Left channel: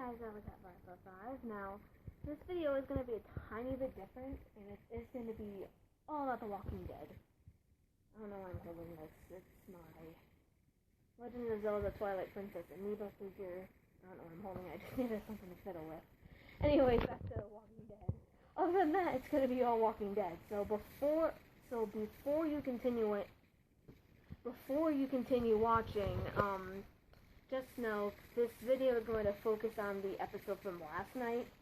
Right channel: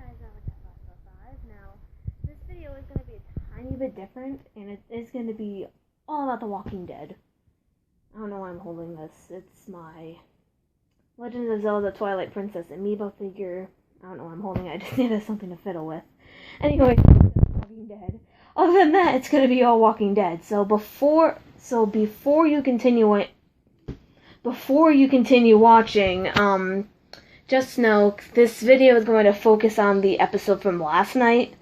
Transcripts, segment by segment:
guys, I was at 545. Now, this video is going to be a tiny bit different, and it is going to be all about The Walking Dead. I don't know why I'm holding this. It's my Legend of Zelda Twilight Princess amiibo figure. I don't know why I'm holding it. I just needed something to fiddle with. Anyway, The Walking Dead. Other than that, it's going to be all Walking Dead. So before you continue watching, just know this video is going to focus on the episode from last night.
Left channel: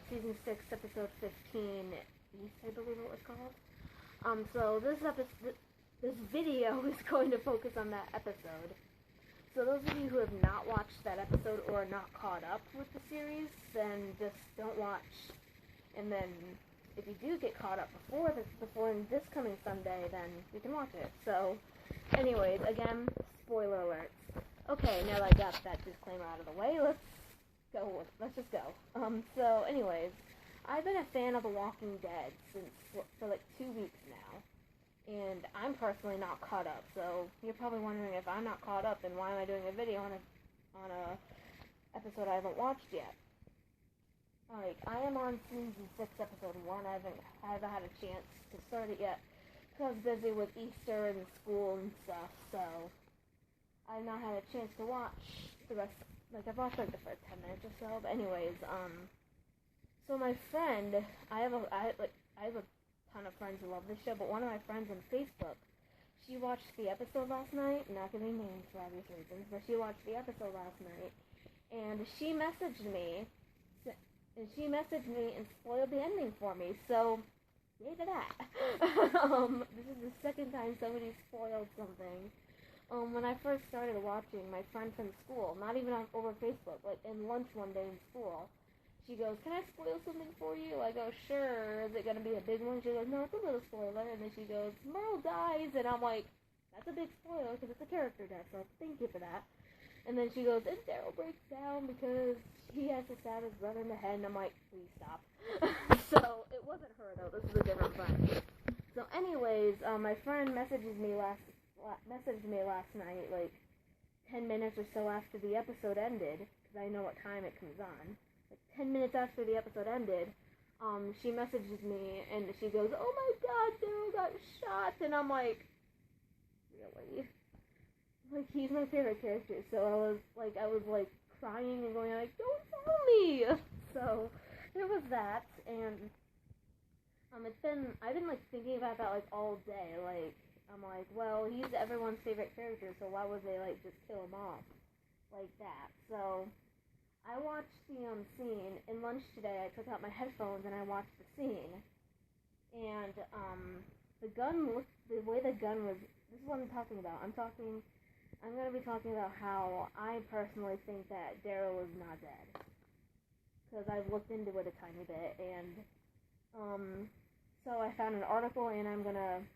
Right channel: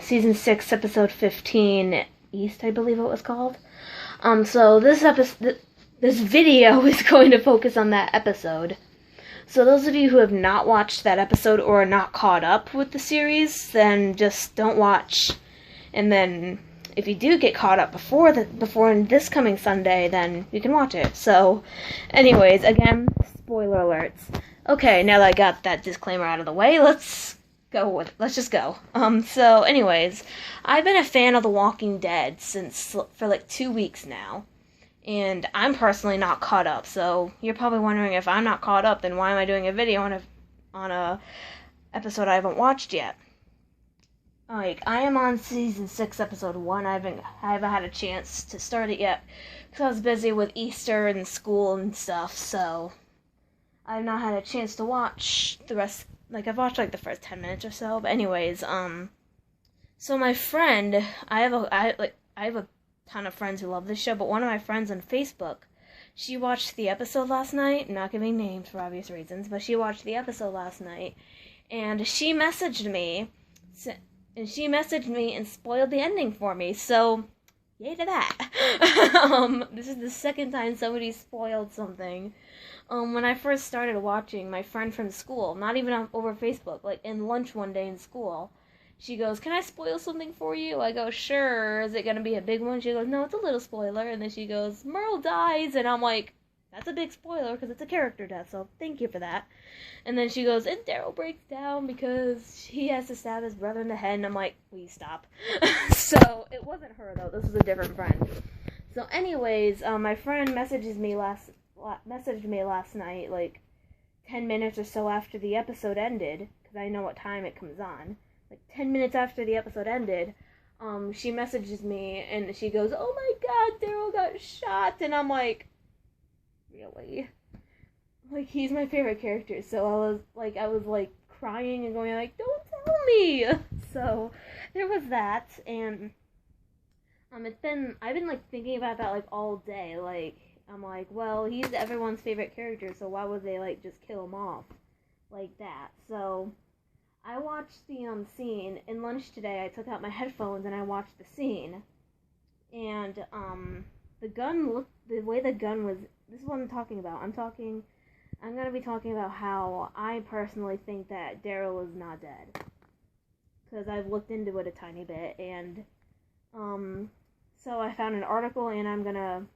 Season 6, episode 15, East, I believe it was called. So this video is going to focus on that episode. So those of you who have not watched that episode or are not caught up with the series, then just don't watch. And then if you do get caught up before this coming Sunday, then you can watch it. So anyways, again, spoiler alerts. Okay, now that I got that disclaimer out of the way, let's just go. So anyways, I've been a fan of The Walking Dead for like 2 weeks now. And I'm personally not caught up, so you're probably wondering, if I'm not caught up, then why am I doing a video on a episode I haven't watched yet? Like, I am on season 6, episode 1. I haven't had a chance to start it yet because I was busy with Easter and school and stuff. So I've not had a chance to watch the rest. Like, I've watched like the first 10 minutes or so. But anyways, so my friend, I have a ton of friends who love this show, but one of my friends on Facebook, she watched the episode last night. Not giving names for obvious reasons, but she watched the episode last night, and she messaged me and spoiled the ending for me. So yay to that. This is the second time somebody spoiled something. When I first started watching, my friend from school, not even over Facebook, like in lunch one day in school, she goes, "Can I spoil something for you?" I go, "Sure." "Is it going to be a big one?" She goes, "No, it's a little spoiler." And then she goes, "Merle dies." And I'm like, that's a big spoiler because it's a character death, so thank you for that. And then she goes, "And Daryl breaks down because he has to stab his brother in the head." And I'm like, please stop. So it wasn't her, though. This was a different friend. So anyways, my friend messaged me last night, like 10 minutes or so after the episode ended, because I know what time it comes on. Like 10 minutes after the episode ended, she messages me and she goes, "Oh my god, Daryl got shot." And I'm like, really? Like, he's my favorite character. So I was crying and going like, "Don't tell me." So there was that, and I've been like thinking about that like all day. Like, I'm like, well, he's everyone's favorite character, so why would they like just kill him off like that? So I watched the scene in lunch today. I took out my headphones and I watched the scene, and the way the gun was. This is what I'm talking about. I'm gonna be talking about how I personally think that Daryl is not dead, because I've looked into it a tiny bit, and so I found an article, and I'm gonna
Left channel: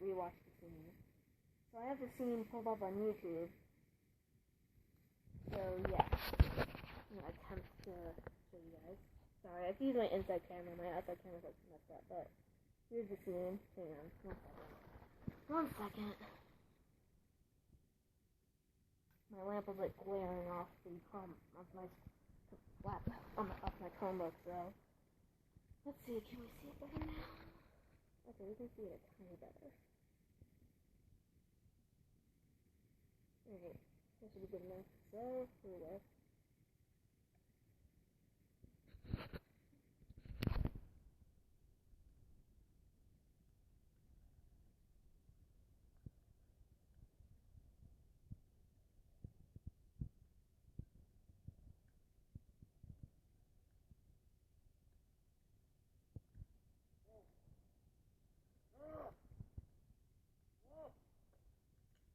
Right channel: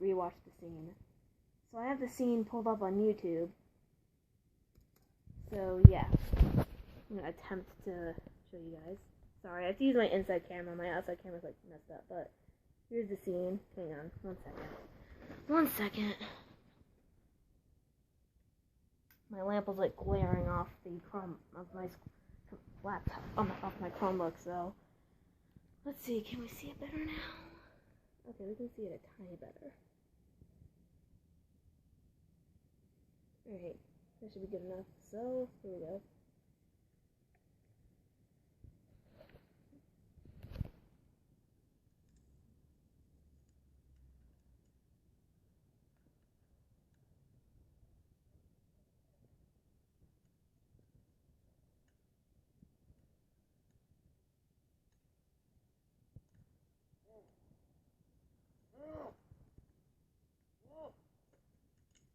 rewatch the scene. So I have the scene pulled up on YouTube. So, yeah, I'm going to attempt to show you guys. Sorry, I have to use my inside camera. My outside camera's, like, messed up, but here's the scene. Hang on, 1 second. My lamp was, like, glaring off the Chrome of my laptop, off my Chromebook, so let's see, can we see it better now? Okay, we can see it a tiny better. Alright. That should be good enough. So, here we go.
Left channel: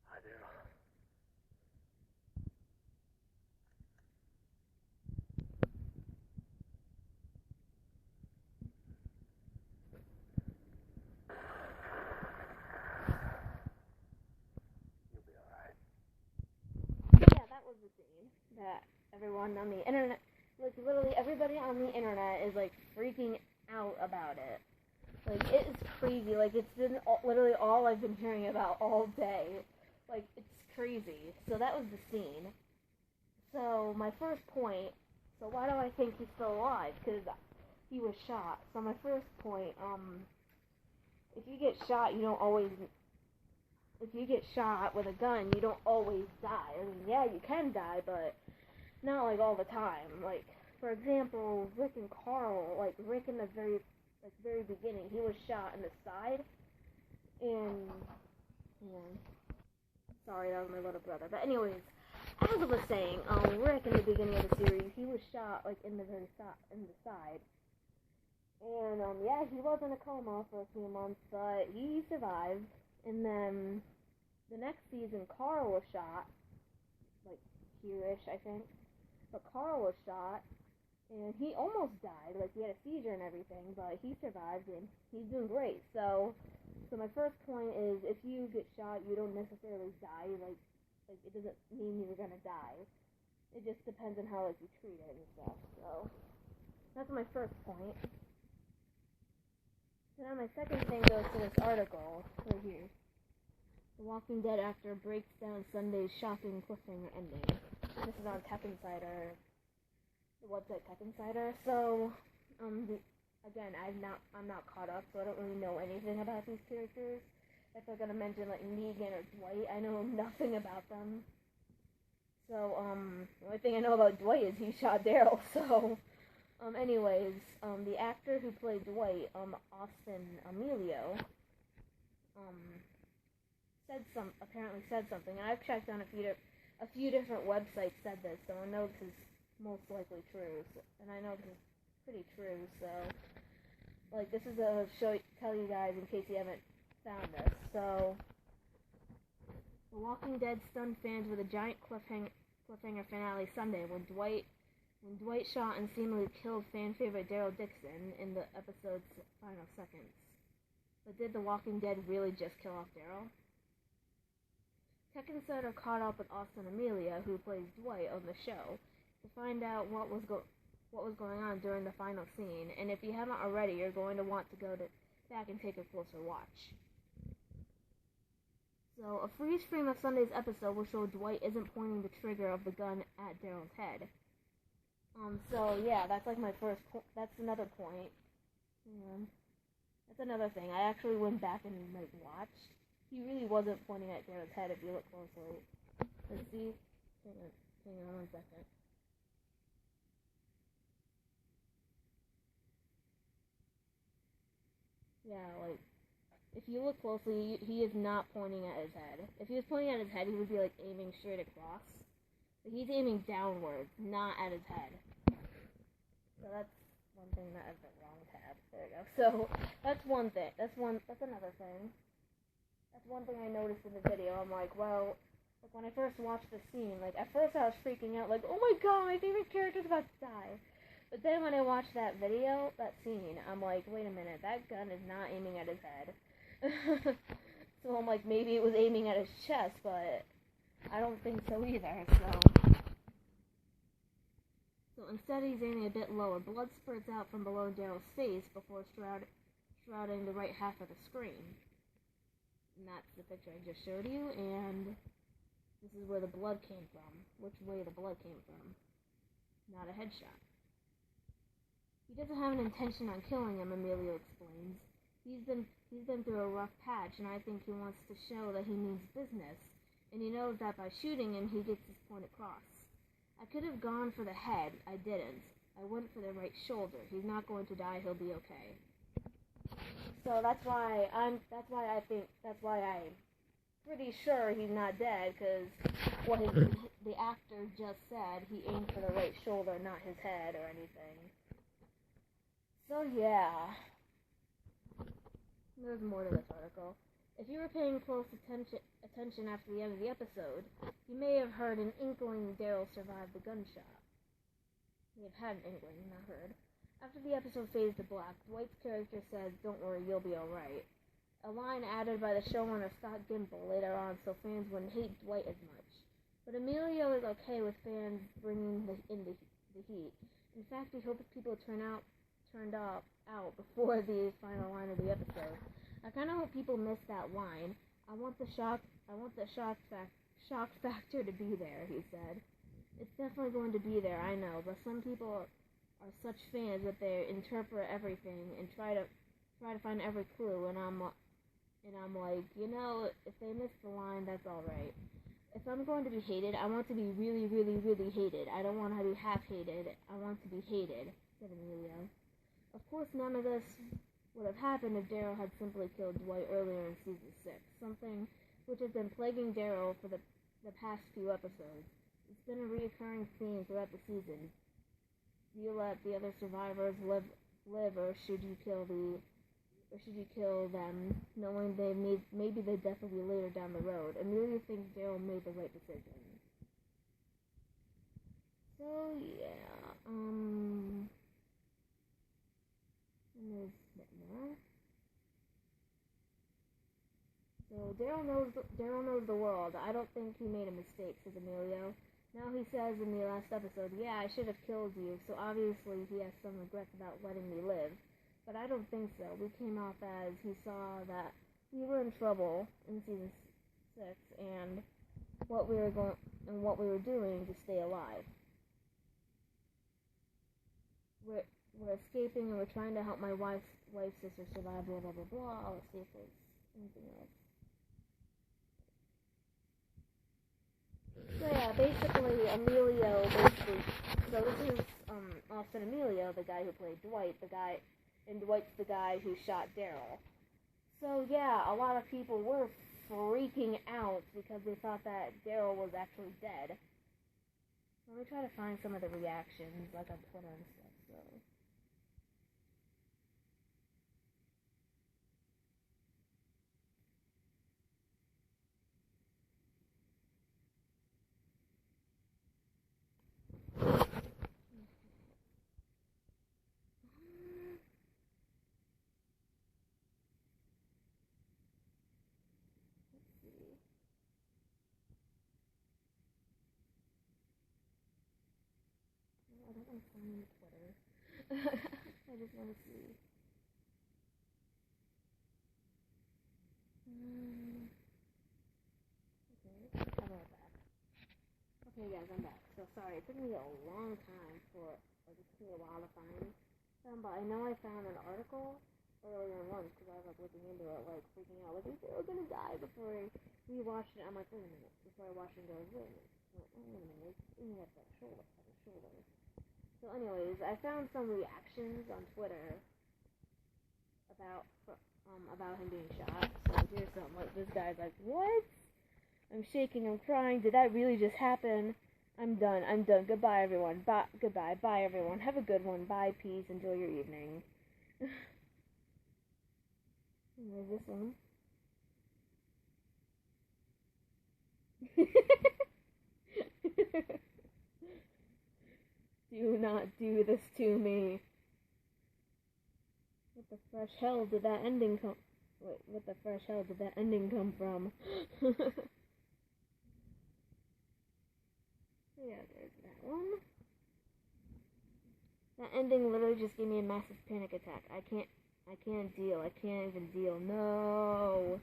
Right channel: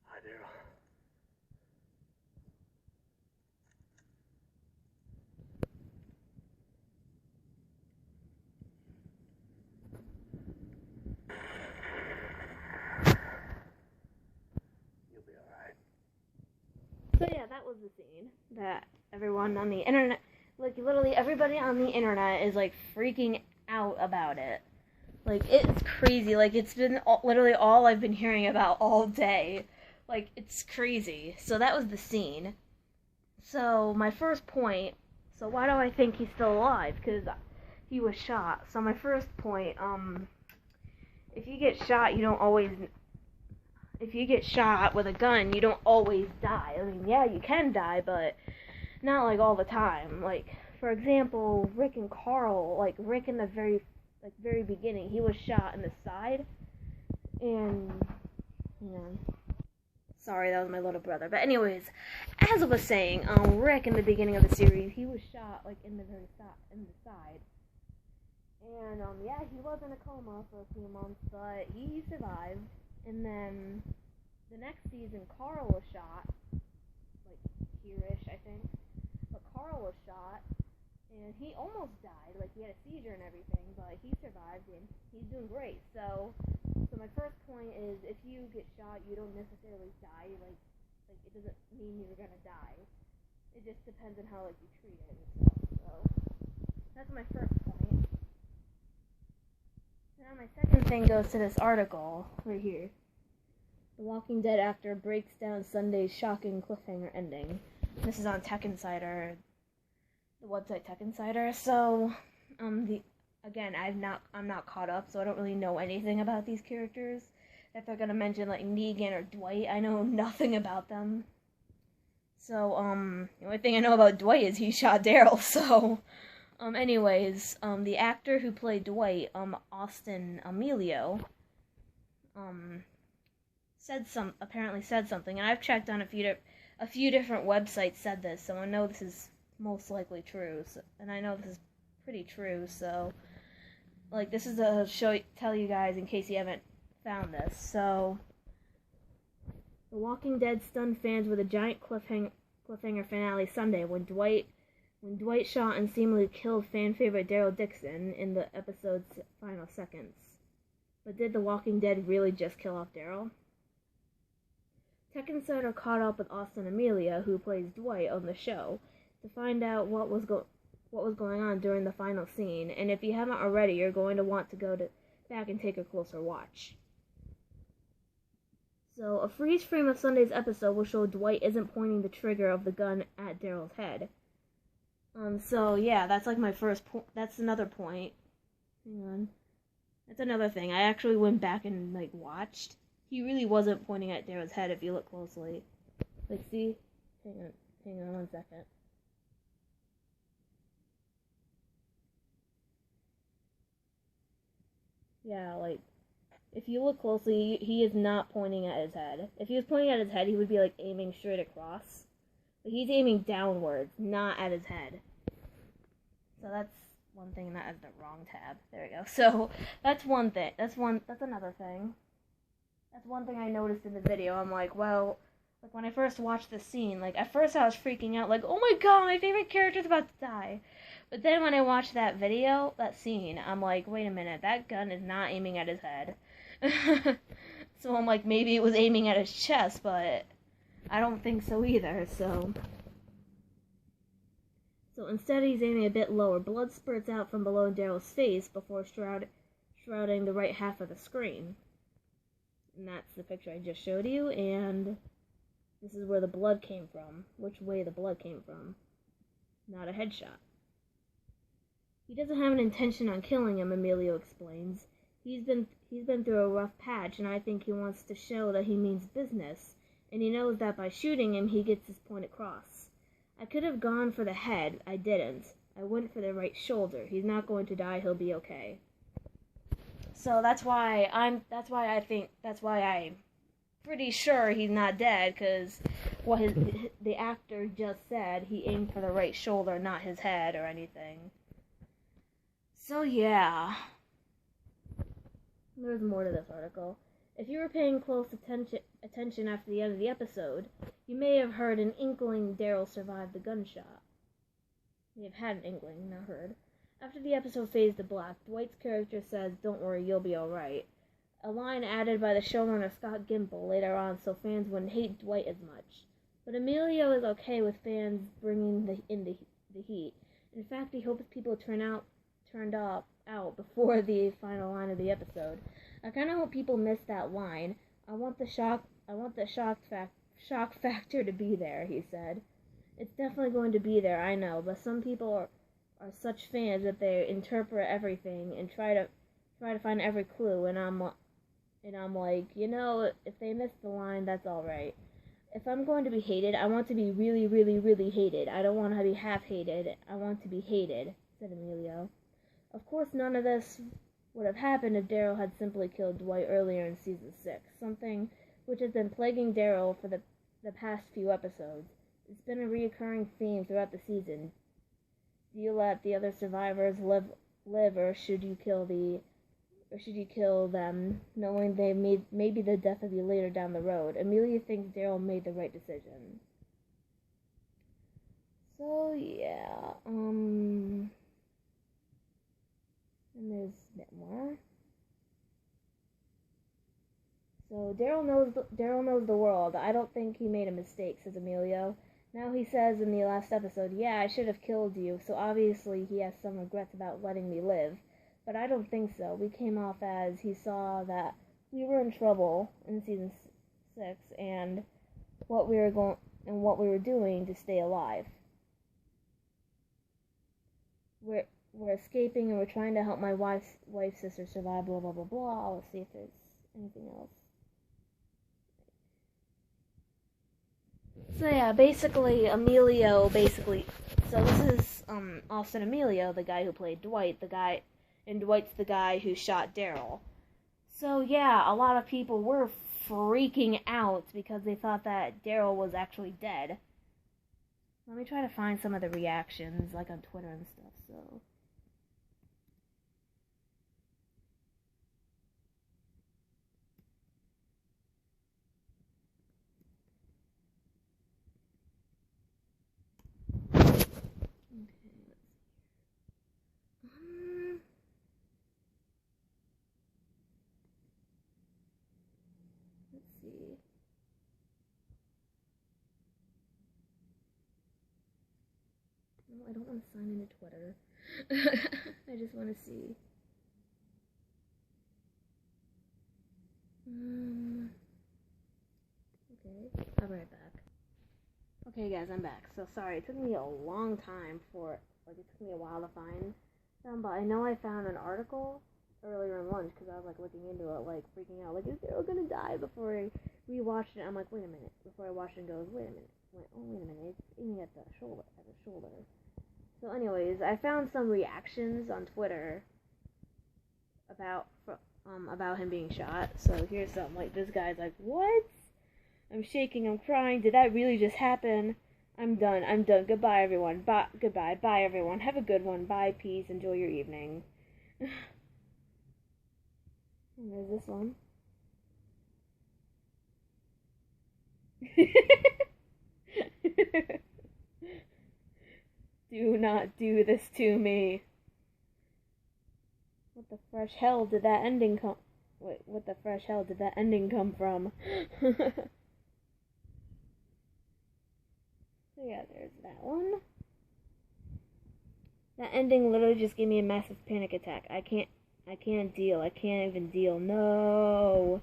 Hi, Daryl. So yeah, that was the scene that everyone on the internet, like literally everybody on the internet is like freaking out about it. Like, it's crazy. Like, it's been literally all I've been hearing about all day. Like, it's crazy. So that was the scene. So my first point. So why do I think he's still alive? Because he was shot. So my first point. If you get shot, you don't always. If you get shot with a gun, you don't always die. I mean, yeah, you can die, but not like all the time. Like, for example, Rick and Carl. Like Rick in the very beginning, he was shot in the side, and sorry, that was my little brother. But anyways, as I was saying, Rick in the beginning of the series, he was shot like in the side. And yeah, he was in a coma for a few months, but he survived. And then the next season, Carl was shot, like here-ish, I think. But Carl was shot, and he almost died. Like he had a seizure and everything, but he survived, and he's doing great. So my first point is, if you get shot, you don't necessarily die. Like it doesn't mean you're gonna die. It just depends on how you treat it and stuff. So that's my first point. Now my second thing goes to this article right here. The Walking Dead actor breaks down Sunday's shocking cliffhanger ending. This is on Tech Insider, the website Tech Insider. So, I'm not caught up, so I don't really know anything about these characters. If they're gonna mention like Negan or Dwight, I know nothing about them. So, the only thing I know about Dwight is he shot Daryl. So. The actor who played Dwight, Austin Emilio, apparently said something, and I've checked on a few different websites said this, so I know this is most likely true, and I know this is pretty true, so, like, this is tell you guys in case you haven't found this. So, The Walking Dead stunned fans with a giant cliffhanger finale Sunday when Dwight shot and seemingly killed fan favorite Daryl Dixon in the episode's final seconds. But did The Walking Dead really just kill off Daryl? Tech Insider caught up with Austin Amelia, who plays Dwight on the show, to find out what was going on during the final scene, and if you haven't already, you're going to want to go back and take a closer watch. So, a freeze frame of Sunday's episode will show Dwight isn't pointing the trigger of the gun at Daryl's head. So yeah, that's like my first point. That's another point. Hang on. That's another thing. I actually went back and like watched. He really wasn't pointing at Daryl's head if you look closely. Like, see? Hang on 1 second. Yeah, like, if you look closely, he is not pointing at his head. If he was pointing at his head, he would be like aiming straight across. But he's aiming downwards, not at his head. So that's one thing, that is the wrong tab. There we go. So that's one thing. That's another thing. That's one thing I noticed in the video. I'm like, well, like when I first watched the scene, like at first I was freaking out, like, oh my god, my favorite character's about to die. But then when I watched that scene, I'm like, wait a minute, that gun is not aiming at his head. So I'm like, maybe it was aiming at his chest, but I don't think so either, so instead he's aiming a bit lower. Blood spurts out from below Daryl's face before shrouding the right half of the screen. And that's the picture I just showed you, and this is where the blood came from. Which way the blood came from. Not a headshot. He doesn't have an intention on killing him, Emilio explains. He's been through a rough patch, and I think he wants to show that he means business, and he knows that by shooting him, he gets his point across. I could have gone for the head. I didn't. I went for the right shoulder. He's not going to die. He'll be okay. So that's why I'm pretty sure he's not dead, because what the actor just said, he aimed for the right shoulder, not his head or anything. So yeah. There's more to this article. If you were paying close attention after the end of the episode, you may have heard an inkling Daryl survived the gunshot. You have had an inkling, not heard. After the episode fades to black, Dwight's character says, "Don't worry, you'll be alright." A line added by the showrunner Scott Gimple later on so fans wouldn't hate Dwight as much. But Emilio is okay with fans bringing in the heat. In fact, he hopes people turned out before the final line of the episode. I kind of hope people miss that line. I want the shock factor to be there, he said. It's definitely going to be there, I know, but some people are such fans that they interpret everything and try to find every clue, and I'm like, if they miss the line, that's all right. If I'm going to be hated, I want to be really, really, really hated. I don't want to be half hated. I want to be hated, said Emilio. Of course, none of this would have happened if Daryl had simply killed Dwight earlier in season 6, something which has been plaguing Daryl for the past few episodes. It's been a recurring theme throughout the season. Do you let the other survivors live, or should you kill them, knowing they may be the death of you later down the road? Amelia thinks Daryl made the right decision. So yeah, and there's a bit more. So Daryl knows the world. I don't think he made a mistake, says Emilio. Now he says in the last episode, yeah, I should have killed you, so obviously he has some regrets about letting me live. But I don't think so. We came off as he saw that we were in trouble in season 6 and what we were doing to stay alive. We're escaping and we're trying to help my wife's sister survive, blah blah blah blah. Let's see if there's anything else. So yeah, Emilio so this is Austin Emilio, the guy who played Dwight, and Dwight's the guy who shot Daryl. So yeah, a lot of people were freaking out because they thought that Daryl was actually dead. Let me try to find some of the reactions, like on Twitter and stuff, so... Let's see. No, I don't want to sign into Twitter. I just want to see. Okay, I'll be right back. Okay, guys, I'm back. So sorry, it took me a long time it took me a while to find them, but I know I found an article earlier in lunch because I was like looking into it, like freaking out, like is Daryl gonna die? Before I rewatched it, I'm like, wait a minute. Before I watched it, goes, wait a minute. Wait a minute. It's aiming at the shoulder. So, anyways, I found some reactions on Twitter about him being shot. So here's some. Like this guy's like, what? I'm shaking. I'm crying. Did that really just happen? I'm done. Goodbye, everyone. Goodbye. Bye, everyone. Have a good one. Bye. Peace. Enjoy your evening. And there's this one. Do not do this to me. What the fresh hell did that ending come? Wait, what the fresh hell did that ending come from? So yeah, there's that one. That ending literally just gave me a massive panic attack. I can't deal. I can't even deal. No.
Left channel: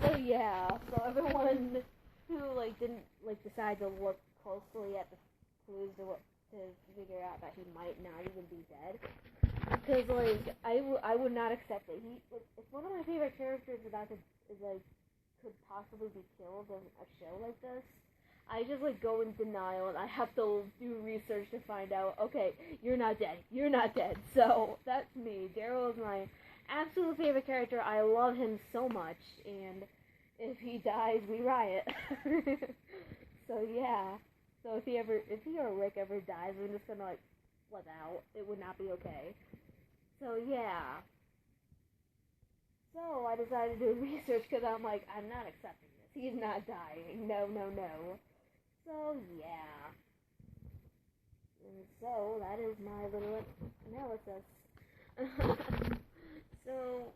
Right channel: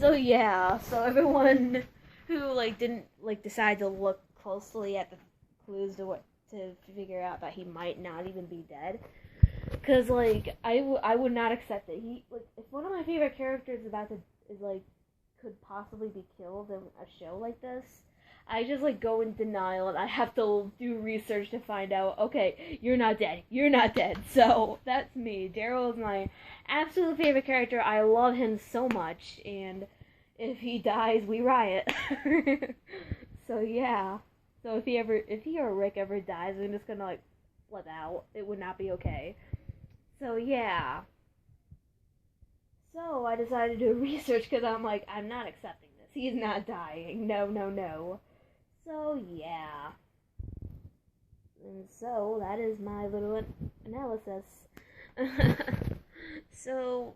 So yeah, so everyone who didn't decide to look closely at the clues to figure out that he might not even be dead, because I would not accept it. If one of my favorite characters could possibly be killed in a show like this, I just go in denial and I have to do research to find out, okay, you're not dead. So that's me. Daryl is my absolute favorite character. I love him so much, and if he dies, we riot. So yeah. So if he or Rick ever dies, I'm just gonna flip out. It would not be okay. So yeah. So I decided to do research because I'm like, I'm not accepting this. He's not dying. No. So yeah. And so that is my little analysis. So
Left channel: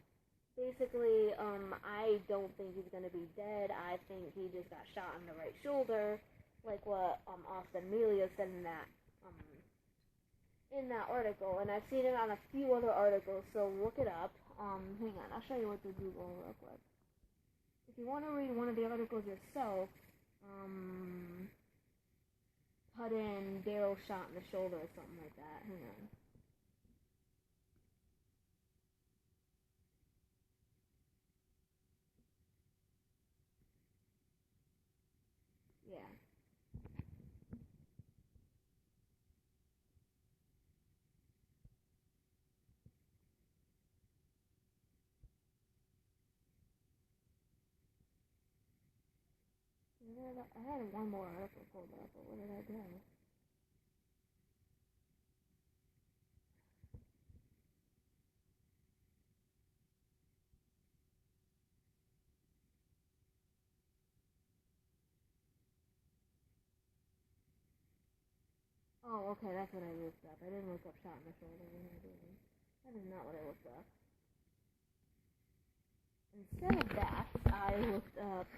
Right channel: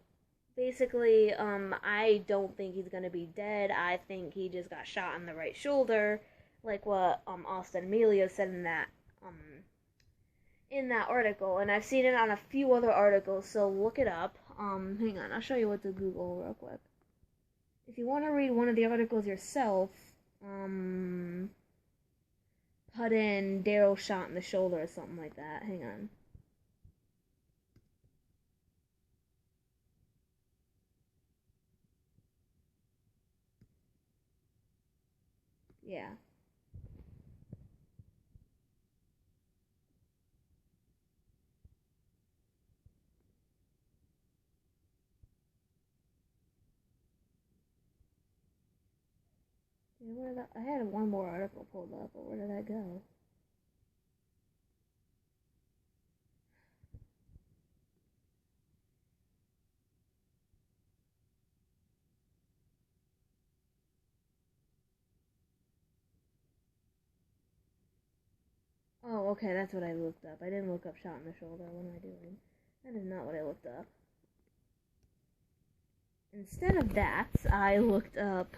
basically, I don't think he's gonna be dead. I think he just got shot in the right shoulder, like what Austin Emilio said in that article, and I've seen it on a few other articles, so look it up. Hang on, I'll show you what to Google real quick. If you want to read one of the articles yourself, put in Daryl shot in the shoulder or something like that. Hang on. Yeah. I had one more article pulled up, but where did that go? Oh, okay, that's what I looked up. I didn't look up shot in the shoulder. What am I doing? That is not what I looked up. Instead of that, I looked up...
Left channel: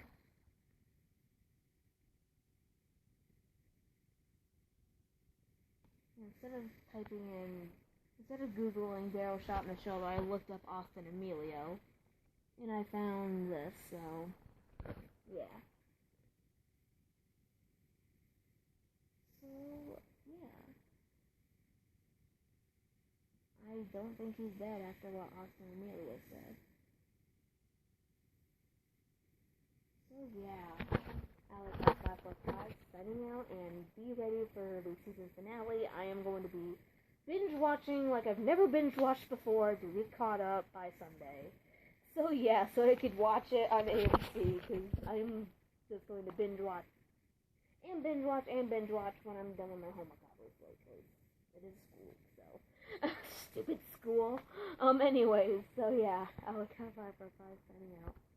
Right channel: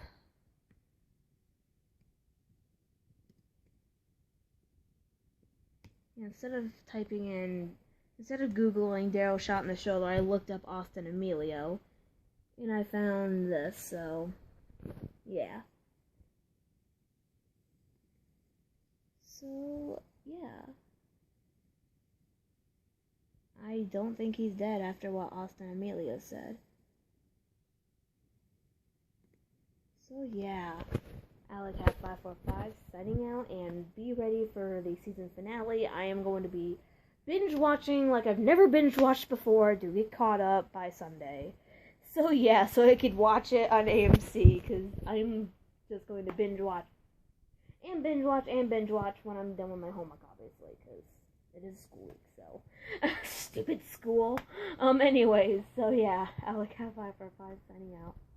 Instead of Googling Daryl shot in the shoulder, I looked up Austin Emilio. And I found this, so... Yeah. So, yeah. I don't think he's dead after what Austin Emilio said. So, yeah. AlecCat545 signing out, and be ready for the season finale. I am going to be binge watching like I've never binge watched before to get caught up by Sunday. So yeah, so I could watch it on AMC, because I'm just going to binge watch when I'm done with my homework, obviously, because it is school week, so stupid school. Anyways, so yeah, AlecCat545 signing out.